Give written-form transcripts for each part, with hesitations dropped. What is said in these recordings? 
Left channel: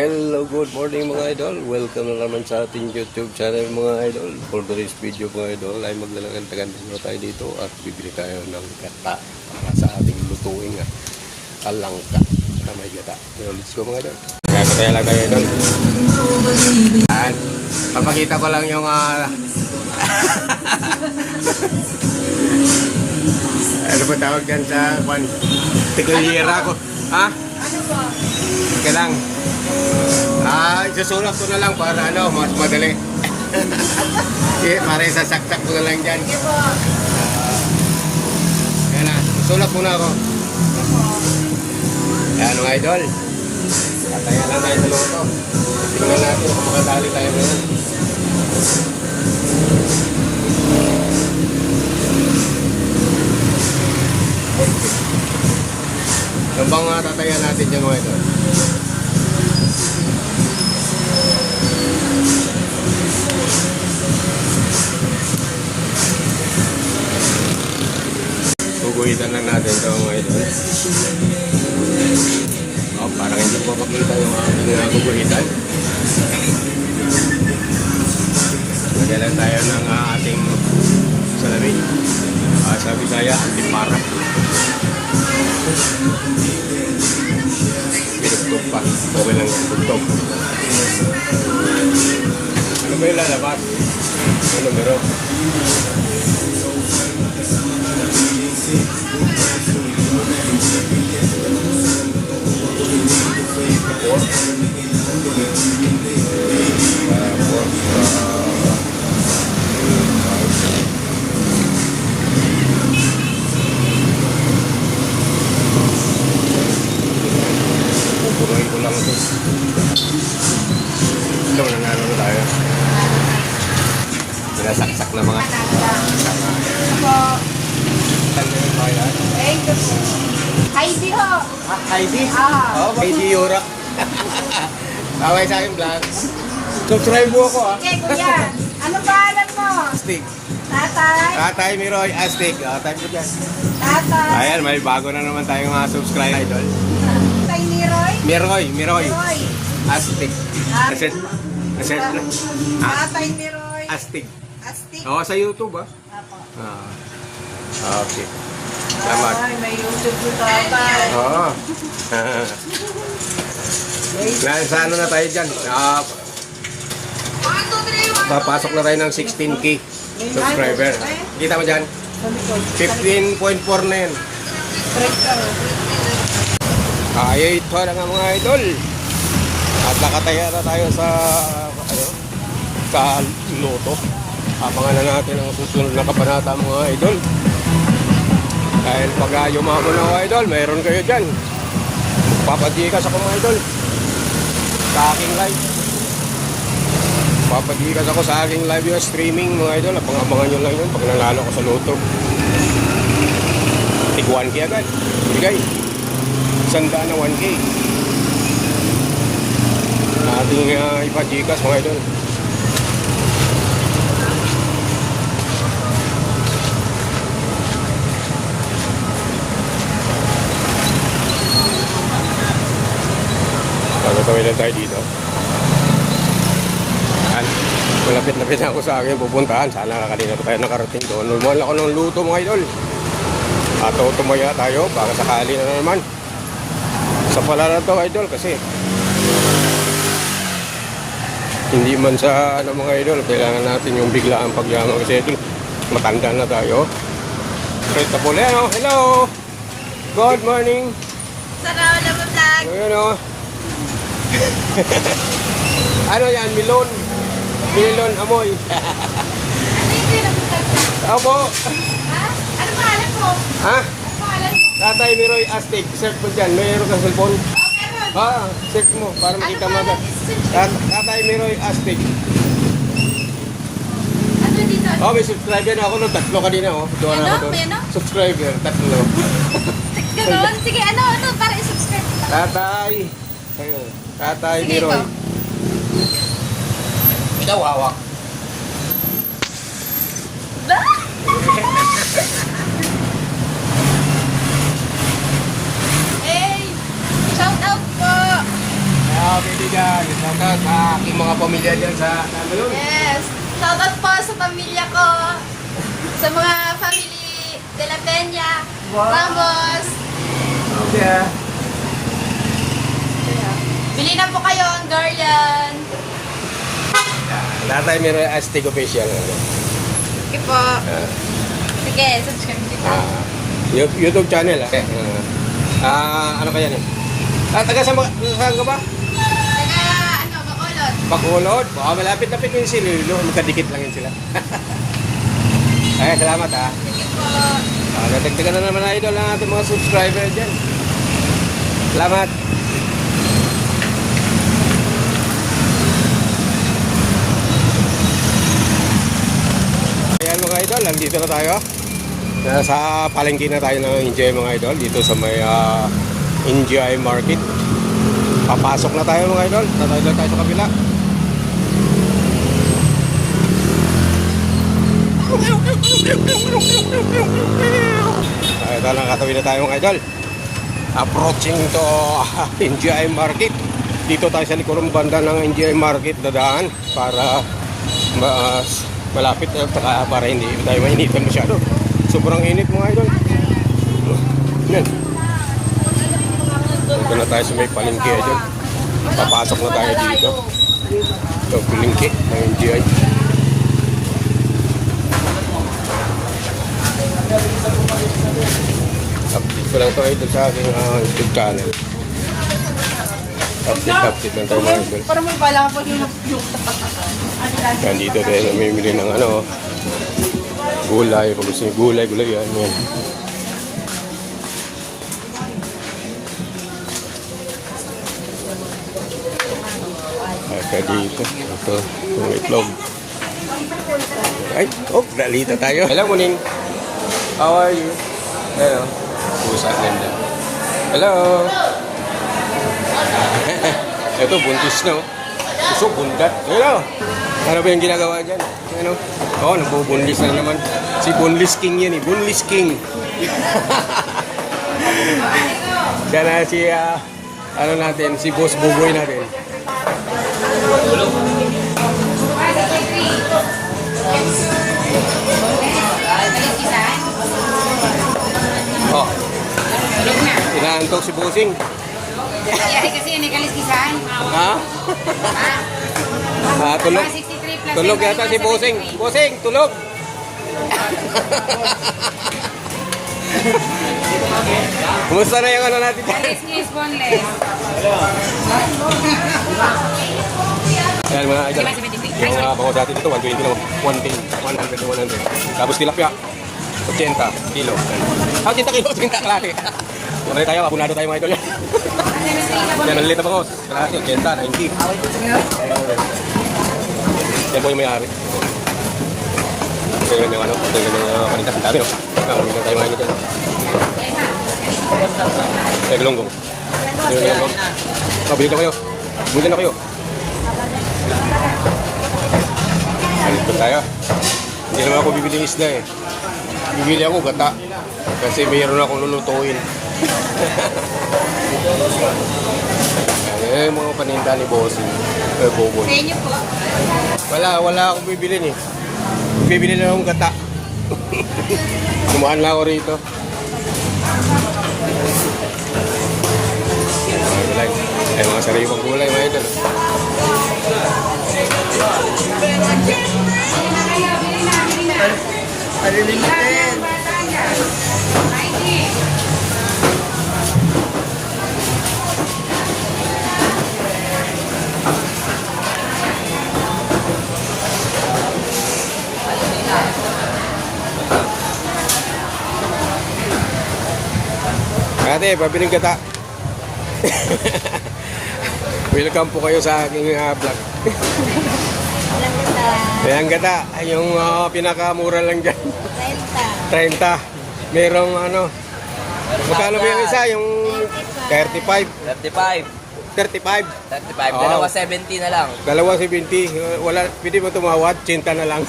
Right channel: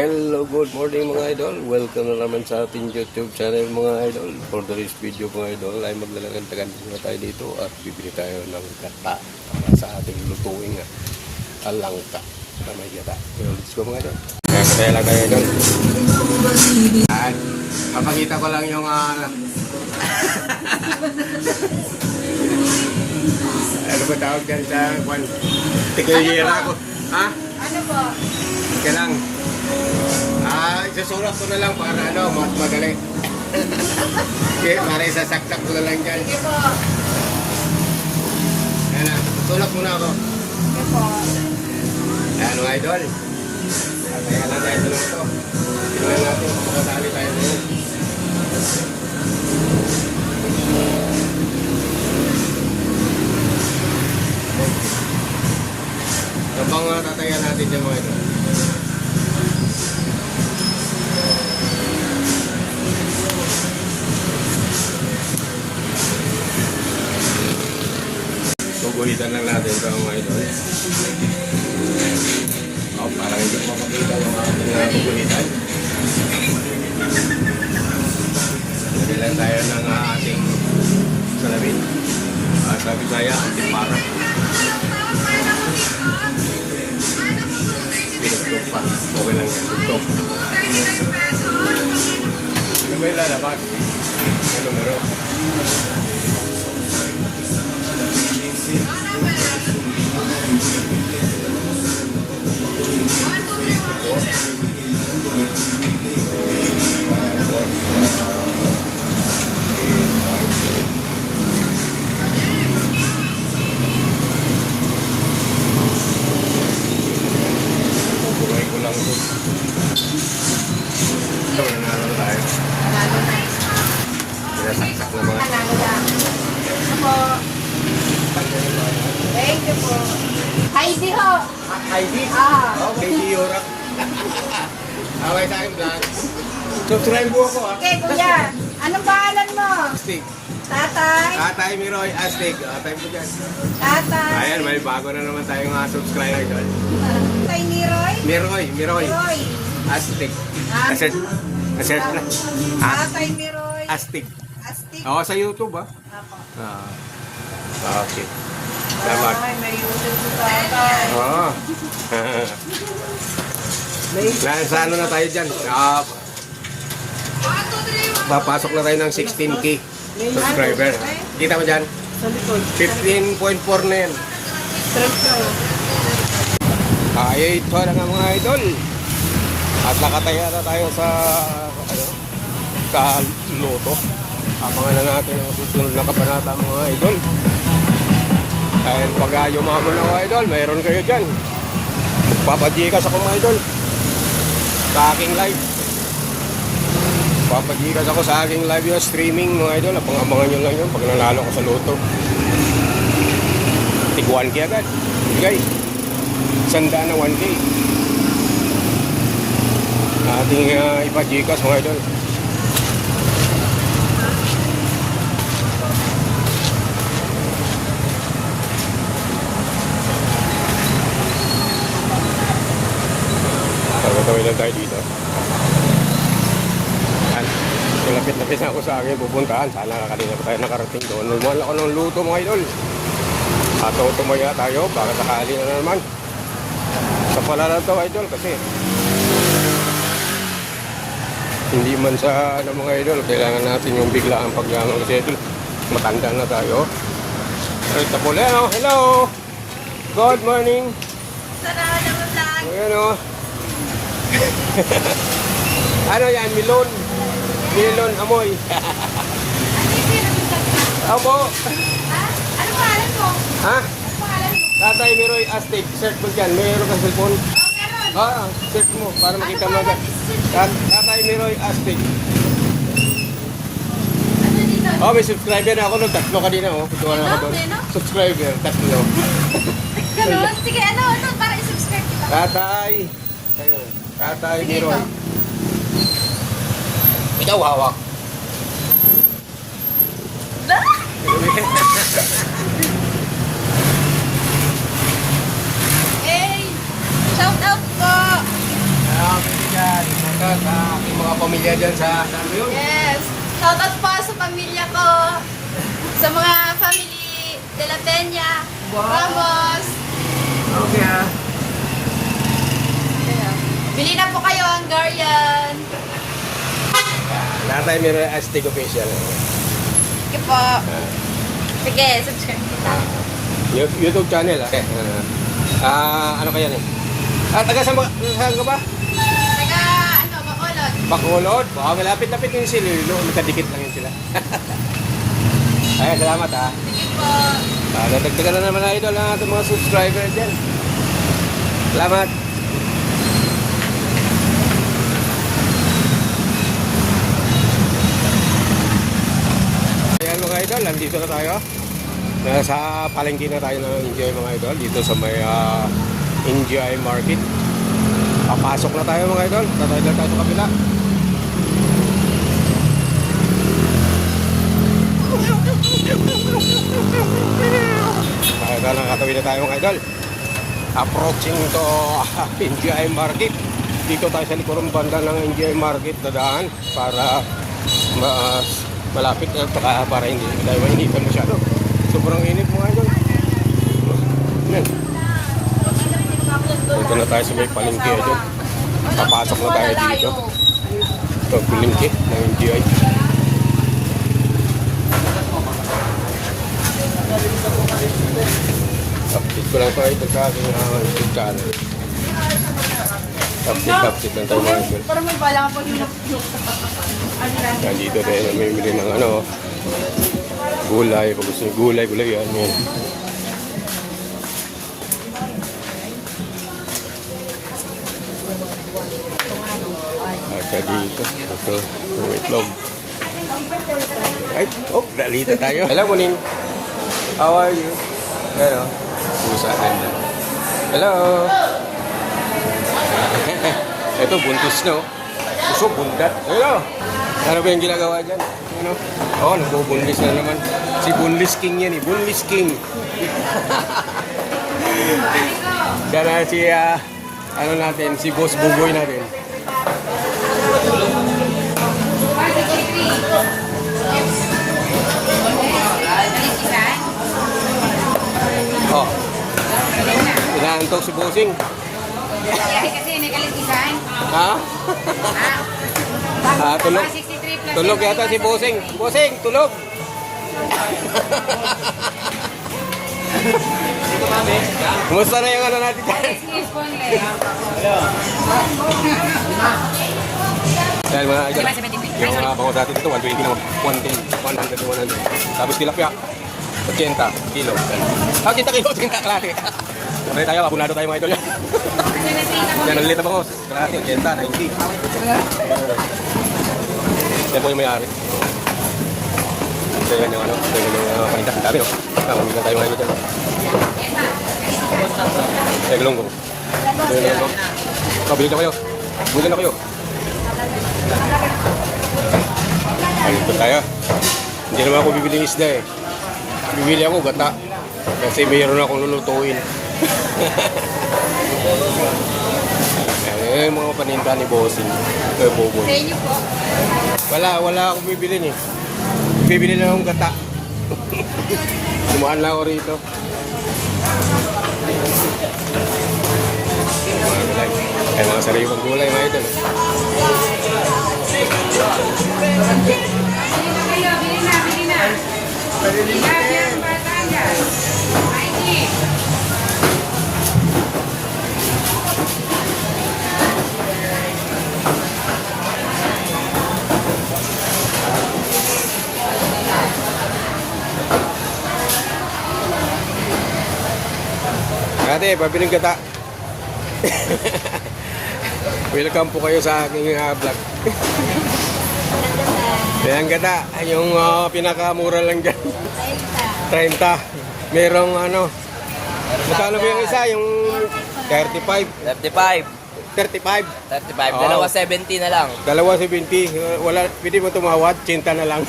Hello, good morning mga idol. Welcome na naman sa ating YouTube channel mga idol. For today's video mga idol ay maglalagan-tagan na tayo dito at bibili tayo ng gata para sa ating lutuing talangka na may gata. So, let's go mga idol. Kaya lang ngayon lang. Papakita ko lang yung ano ba tawag dyan sa tigulyera ko? Ha? Ano ba? Ika lang. Isusulak ko na lang para mas madali. Para isasaksak ko na lang dyan. Sige po. Yan na, isusulak muna ako. Sige po. Yan mga idol. Katayan lang tayo sa loto. Tingnan natin kung makatali tayo ngayon. Yung bang tatayan natin yung mga idol? Guhitan lang natin ito mga idol. Parang hindi ko makita yung aking guhitan. Lagyan lang tayo ng ating salamin. Sabi saya, antipara. Tugtog pa. Okay lang yung tugtog. May lalabas. Ano meron? Sinasaksak na mga Ako. Thank you po. Heidi ho. Heidi? Ah. Heidi Yora. Kaway sa aking vlog. Subscribe mo ako Okay, kuya. Anong pangalan mo? Astig. Tatay. Tatay Miroy Astig. Type ko dyan. Tatay. Ayan, may bago na naman tayong mga subscribe idol. Tatay ni Roy. Miroy. Roy. Astig. Aset. Tatay ni Roy. Astig. Astig. Oo, sa YouTube Apo. Okay. Salamat. Ay, may YouTube po tatay. Oo. Nasa ano na tayo dyan? Papasok na tayo ng 16K subscriber. Kita mo dyan? Sa likod. 15.4 na yan. Straight ka o. Ito na nga mga idol. At nakataya na tayo sa loto. Abangan na natin ang susunod na kabanata mga idol. Dahil pag yumago na mga idol, mayroon kayo dyan. Papajikas ako mga idol. Sa aking live. Papajikas ako sa aking live na streaming mga idol. Abangan nyo lang yun pag nanalo ko sa loto. Tig 1K agad. Bigay. Sanda na 1K. Ating ipajikas mga idol. Gawin lang tayo dito. Malapit-lapit na ako sa akin pupuntahan. Sana kanina pa tayo nakarating doon. Normal ako ng luto mga idol. At tumaya tayo para sakali na naman. Sa pala na to idol kasi hindi man sa mga idol. Kailangan natin yung biglaan pagyaman kasi idol. Matanda na tayo. Ito po Leo. Hello! Good morning! Sana na mo tag. Ayan o. Ano yan? Milon? Milon amoy. Hindi na bitag. Opo. Ha? Ano pangalan mo? Ha? Ano pangalan mo? Tatay Miroy Astig. Search mo dyan. Mayroon ka cellphone? Meron. Search mo para Ano makita mo pangalan? dyan. Tatay Miroy Astig. Ano dito? Oh, may subscriber na ako nung tatlo kanina. Doon Meno? ako doon. Meno? Subscriber. Tatlo. Ganun? Sige, ano? Para i-subscribe ko. Tatay. Tatay Sige, Miroy. ikaw. Ikaw hawak. Hey! Shout out po! Happy dyan. Shoutout sa aking mga pamilya dyan sa Nagayon. Yes. Shoutout po sa pamilya ko. Sa mga family de la Peña. Ramos. Okay. Bili na po kayo ang Garland. Lahat tayo may Aztec official. Sige po. Sige, subscribe kita. YouTube channel. Okay. Ano kaya yan? Taga saan ka ba? Taga, Bacolod. Bacolod? Malapit-lapit yung sililo. Magkadikit lang yun sila. Ay, salamat ha. Sige po. Dadagdagan na naman idol ang ating mga subscribers dyan. Salamat. Ayan mga idol, nandito na tayo. Nasa palengke na tayo ng Enjoy mga idol. Dito sa may Enjoy Market. Papasok na tayo mga idol. Tatay na tayo sa kabila. Ay, nakakatawin na tayo mga idol. Approaching to NGI Market. Dito tayo sa likurong banda ng NGI Market dadaan para malapit na para hindi tayo mainitan masyado. Sobrang init mga idol. Yan. Ito na tayo sa may palengke dito. Papasok na tayo dito. Ito, palengke ng NGI. Update ko lang tayo sa aking YouTube channel. Update lang tayo mga idol. Parang may bala po yung Nandito tayo namimili ng gulay. Kung gusto nyo gulay yan. Dito. Ito, yung itlog. Ay, nalita tayo. Hello, Muning. How are you? Hello. Pusa na yun. Hello. Ito, buntis na. So, bundat. Hello. Ano ba yung ginagawa dyan? Ano? Oh, nabubundis na naman. Si Bunlis King yun eh. Bunlis King. Sana si, natin, si Boss Bugoy natin. Oh. Inaantok si Bossing. Kasi ini kaliskisan. Ha? Tulog. 63 plus Tulog yata si Bossing. Bossing, tulog. Gusto na yung natin. Is boneless. Ayan mga idol. Yung bako dati dito, 120 na 110, 100, 100. Tapos tilapia, 80 kilo. 80 kilo, 80 kalahati. Kumari tayo, abunado tayo mga idol yan. Yan, ang lita bako. Kalahati, 80, 90. Yan po yung may-ari. So yan yung ito yung palitan. Ang dami no? Palitan tayo mga idol. Yung longgo. Bili na kayo. Bili na kayo. Tayo. Hindi naman ako bibili isda eh. Bibili ako gata. Kasi mayroon ako lulutuin. Mga paninda ni Boss. Sa inyo po. Wala akong bibili eh. Bibili na akong gata. Sumaan lang ako rito. Kaya mga sariwang gulay mga ito. Ate, pabiling gata. Welcome po kayo sa aking vlog. Ayan gata, yung pinakamura lang dyan. 30. Merong magkano ba yung isa? Yung 35? 35. 35? 35. Dalawa 70 na lang. Dalawa 70. Wala, pwede ba tumawad? 80 na lang.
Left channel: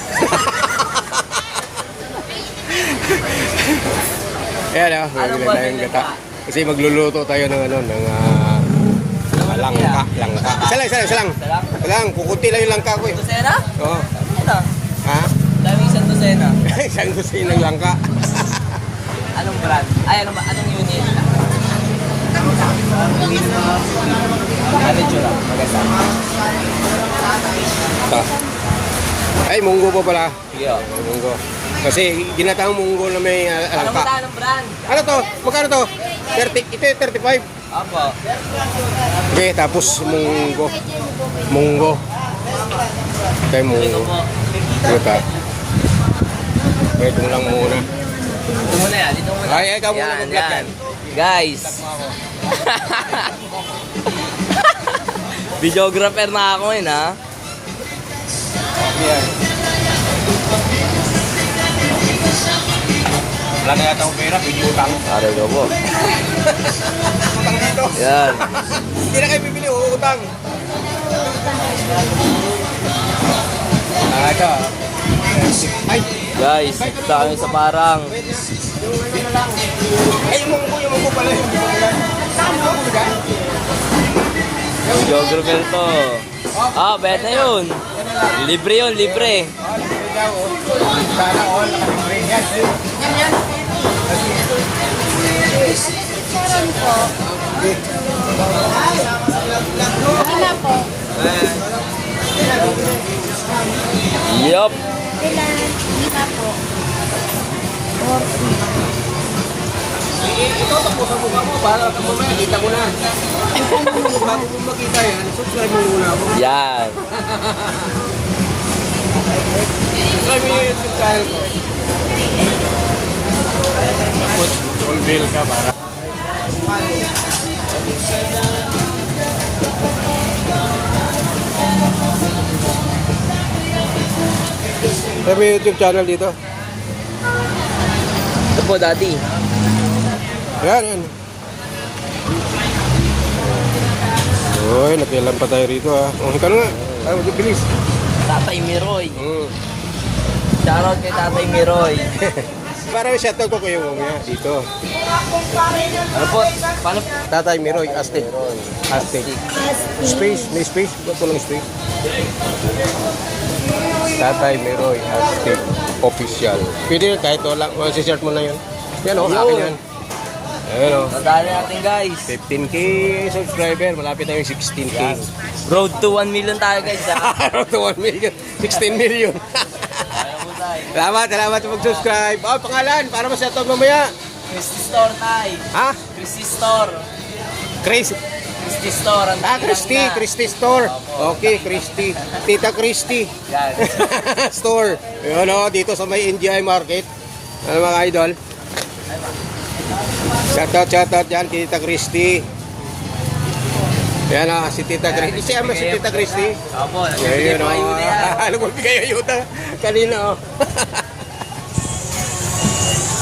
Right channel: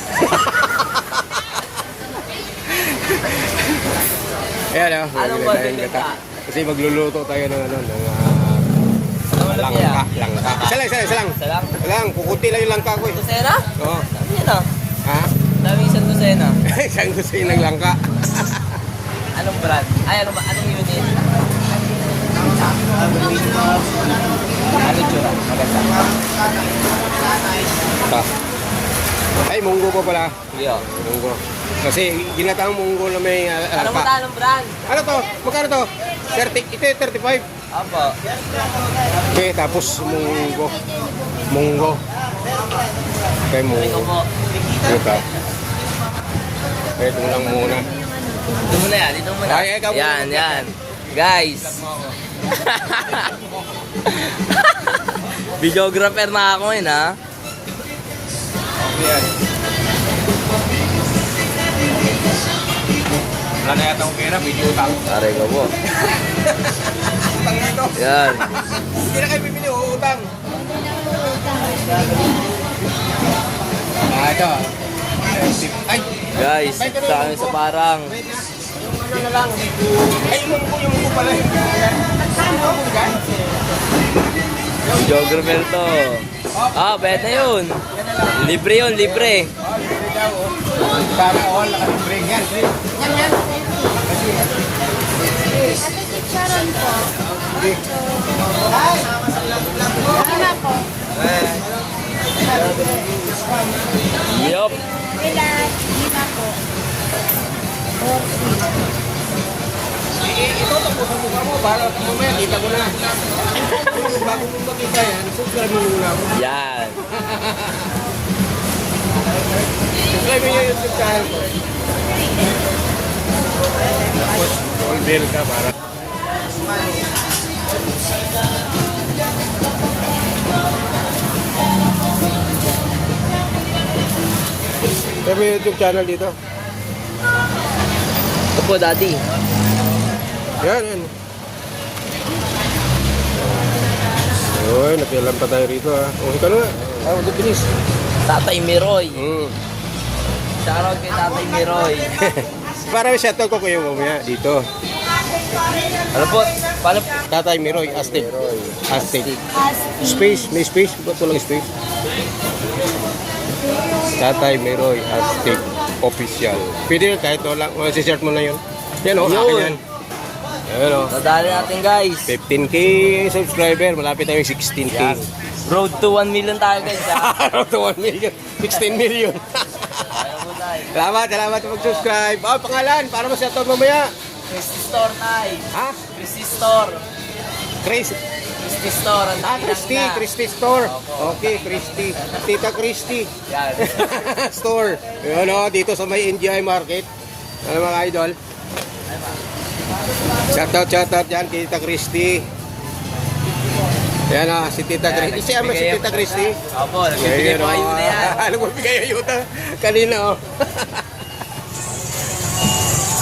Ayan Anong bundle yung pa? Kasi magluluto tayo ng Ano Langka, langka. Isa lang. Isa lang? Isa lang, pukunti lang yung langka ko eh. Dosena? Oo. Dami yan ah. Ha? Dami isang dosena. Isang gusto ng langka. Anong brand? Ay, ano ba? Anong unit? Ito. Ay, munggo po pala. Yeah. Munggo. Kasi ginatang munggo na may Ano ba alpa. anong brand? Ano to? Magkano to? 30, ito yung 35. Opo. Okay, tapos munggo. Munggo. Okay, Ito munggo. po. Ano ka? Ito lang muna. Ito muna yan. Dito muna. Ay, ikaw muna, Yan, complete yan. yan. Guys. Videographer na ako yun ha. Wala na yata akong pera, video utang. Sabi ko mo. Utang dito. Yan. Hindi na kayo bibili, utang. Ah, ito. Ay, Guys, sa akin sa parang. ay, yung munggo pala. Videographer po. Ah, pwede yun. Libre yun, libre. Sana all nakalibre. Yan. Sharon po. Wala po. Yup. Kailan? Lima po. 40. Ito, tapos ang mukha mo para mamaya kita mo na. Bago mo makita yan, subscribe mo muna ako. Yan. Subscribe mo yung subscribe. Tapos, full bill ka para. Pero may YouTube channel dito. Opo, dati. Yan. Uy, nakialam pa tayo rito ha. Oh, ikaw na nga. Ang bilis. Tatay Miroy. Shoutout kay Tatay Miroy. Para may shoutout ko kayo mamaya dito. Ano po? Paano? Tatay Miroy, Aztec. Aztec. Space, may space. Ito lang space. Tatay Miroy, Aztec. Official. Pwede kahit wala. Masisert mo na yun. Yan o, akin yan. Ayan o. Nadali natin guys. 15k subscriber. Malapit tayong 16k. Yan. Road to 1 million tayo guys ha. Around to 1 million. 16 million. Kaya po tayo. Salamat sa mag-subscribe. Oh, pangalan, para ma-shoutout mamaya. Christy Store tayo. Ha? Christy Store. Chris. Christy Store. Ang Ah, dakilang Christy. na. Christy Store. Okay, Christy. Tita Christy. Yan. Store. Yun o, dito sa may NGI Market. Ano mga idol? Shoutout yan, Tita Christy. Yan o, si Tita Christy. Siya mo si Tita Christy. Opo, nagbibigay po kayo na yan. Alam mo, bigay ayuda. Kanina o.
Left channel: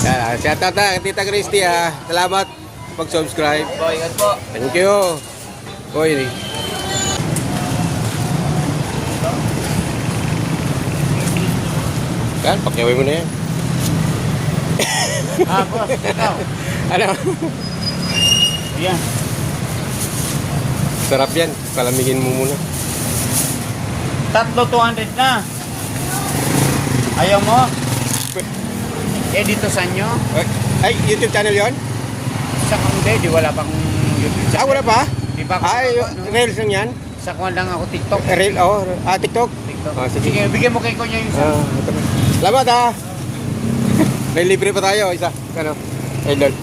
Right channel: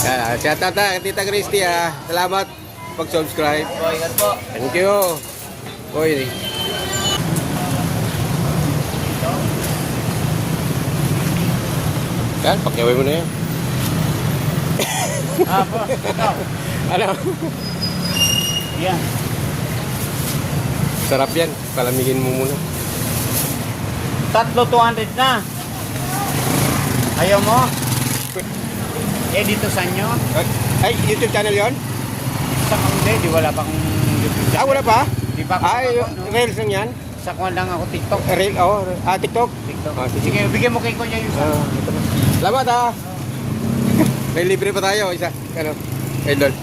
Yan, shoutout na, Tita Christy ha. Salamat sa pag-subscribe. Po, ingat po. Thank you. Boy. Yan, pakiaway mo na yan. Boss, ikaw. Ano? Yan. Sarap yan. Palamigin mo muna. Tatlo 200 na. Ayaw mo? Eh, dito sa inyo. Ay, YouTube channel yon? Sa kundi, di wala pang YouTube Ah, wala pa? Di pa ako. Ay, Reels lang yan? Sa kuwan lang ako TikTok. Reel, oh. Ah, TikTok? Ah, sige. Sige, bigyan mo kay Kuya yung Ah, ito. Salamat ha. May libre pa tayo. Isa. Ano? Kay Lord.